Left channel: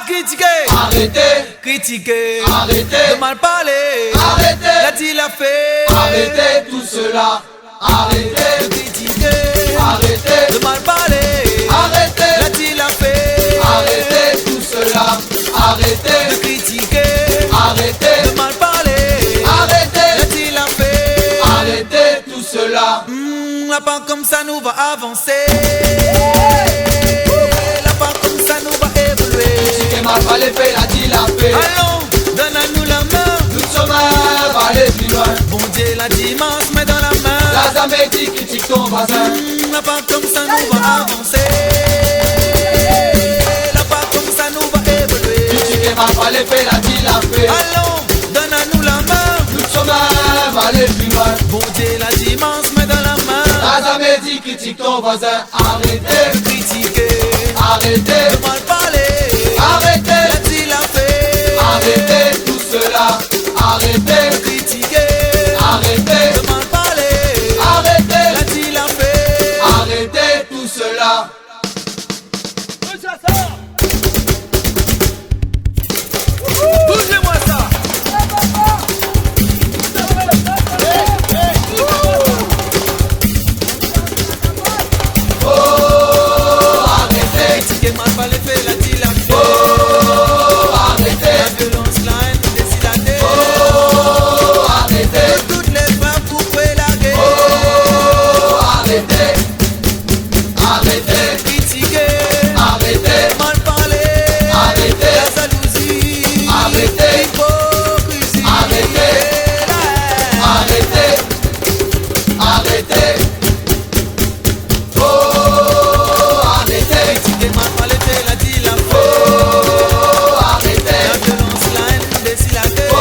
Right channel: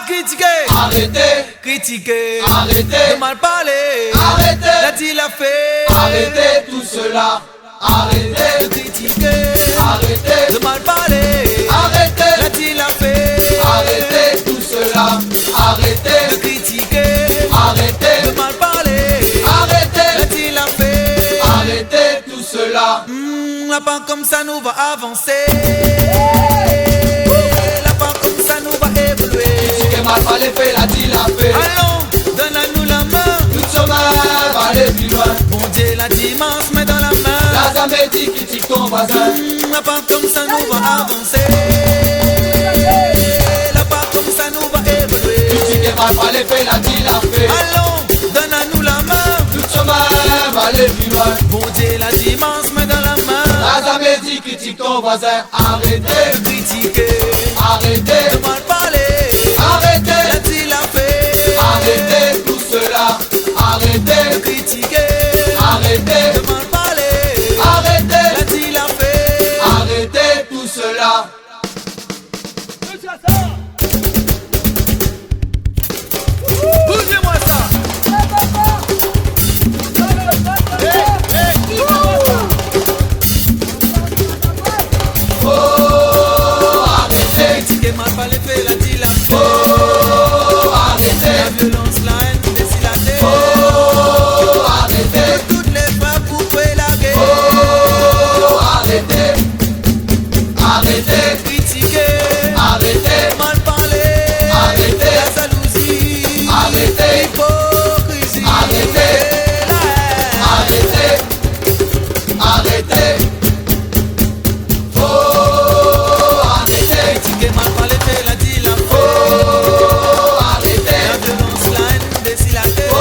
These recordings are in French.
de critiquer, critiquer, de mal parler, l'a dit, l'a fait. Tout cela, De critiquer, de mal parler, l'a dit, l'a fait. tout cela, arrêtez, De critiquer, de mal parler, l'a dit, l'a fait. arrêtez tout cela. La part comme ça nous va avancer. La part comme ça nous va évoluer. Allons, donne à nous la main. Bon Dieu la dimanche met dans la main. La part comme ça nous va avancer. La part comme ça nous va évoluer. Allons, donne à nous la main. Bon Dieu la dimanche met dans la main. De critiquer, de mal parler, l'a dit, l'a fait. De critiquer, de mal parler, l'a dit, l'a fait. Arrêtez tout cela. Bougez-moi ça. Critiquer, mal parler, fait, l'a dit, l'a fait. La violence, la haine, décide la terre. Toutes les femmes pour faire la guerre. Critiquer, mal parler, la jalousie, l'hypocrisie et la haine. Critiquer, mal parler, fait, l'a dit, l'a fait. La violence, la haine, décide la terre.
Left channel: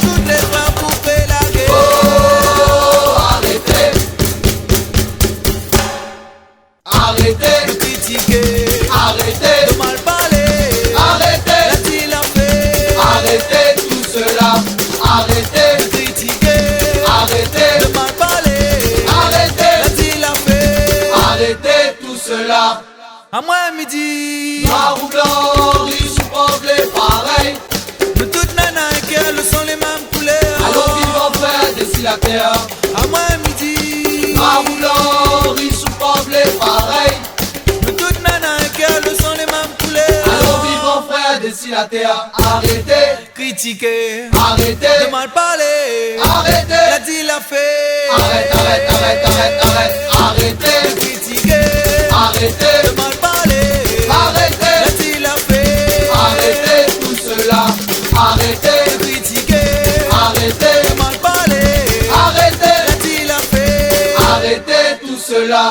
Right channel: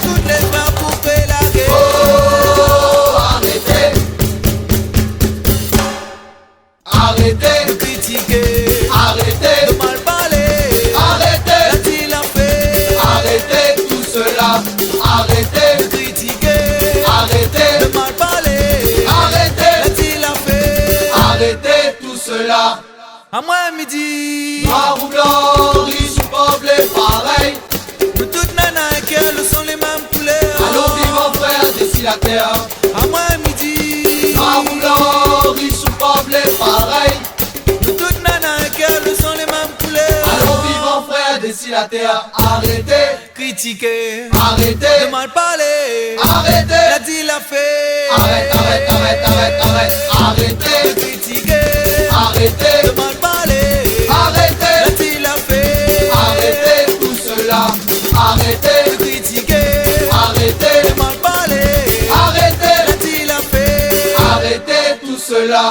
Toutes les femmes pour faire la guerre. De critiquer, de mal parler, l'a dit, l'a fait. De critiquer, de mal parler, l'a dit, l'a fait. Arrêtez tout cela. À moi midi, de toutes nanas qu'elles sont les mêmes couleurs. À moi midi, de toutes nanas qu'elles sont les mêmes couleurs. Critiquer, de mal parler, l'a dit, l'a fait. De critiquer, de mal parler, l'a dit, l'a fait. De critiquer, de mal parler, l'a dit, l'a fait. Arrêtez tout cela.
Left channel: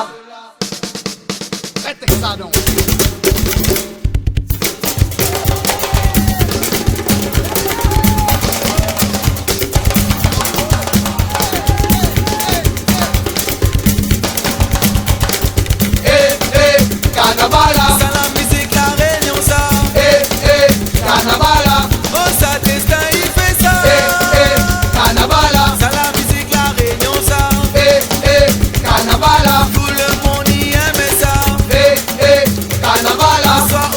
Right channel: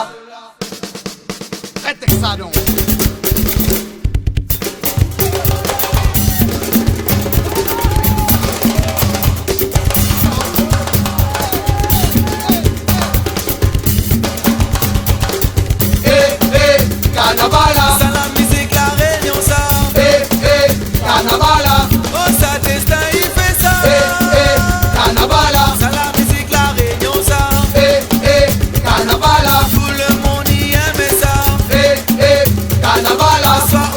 Ça la musique, la réunion, ça. Oh, ça destin, il fait ça. Ça la musique, la réunion, ça. Tout le monde y aime ça. Assois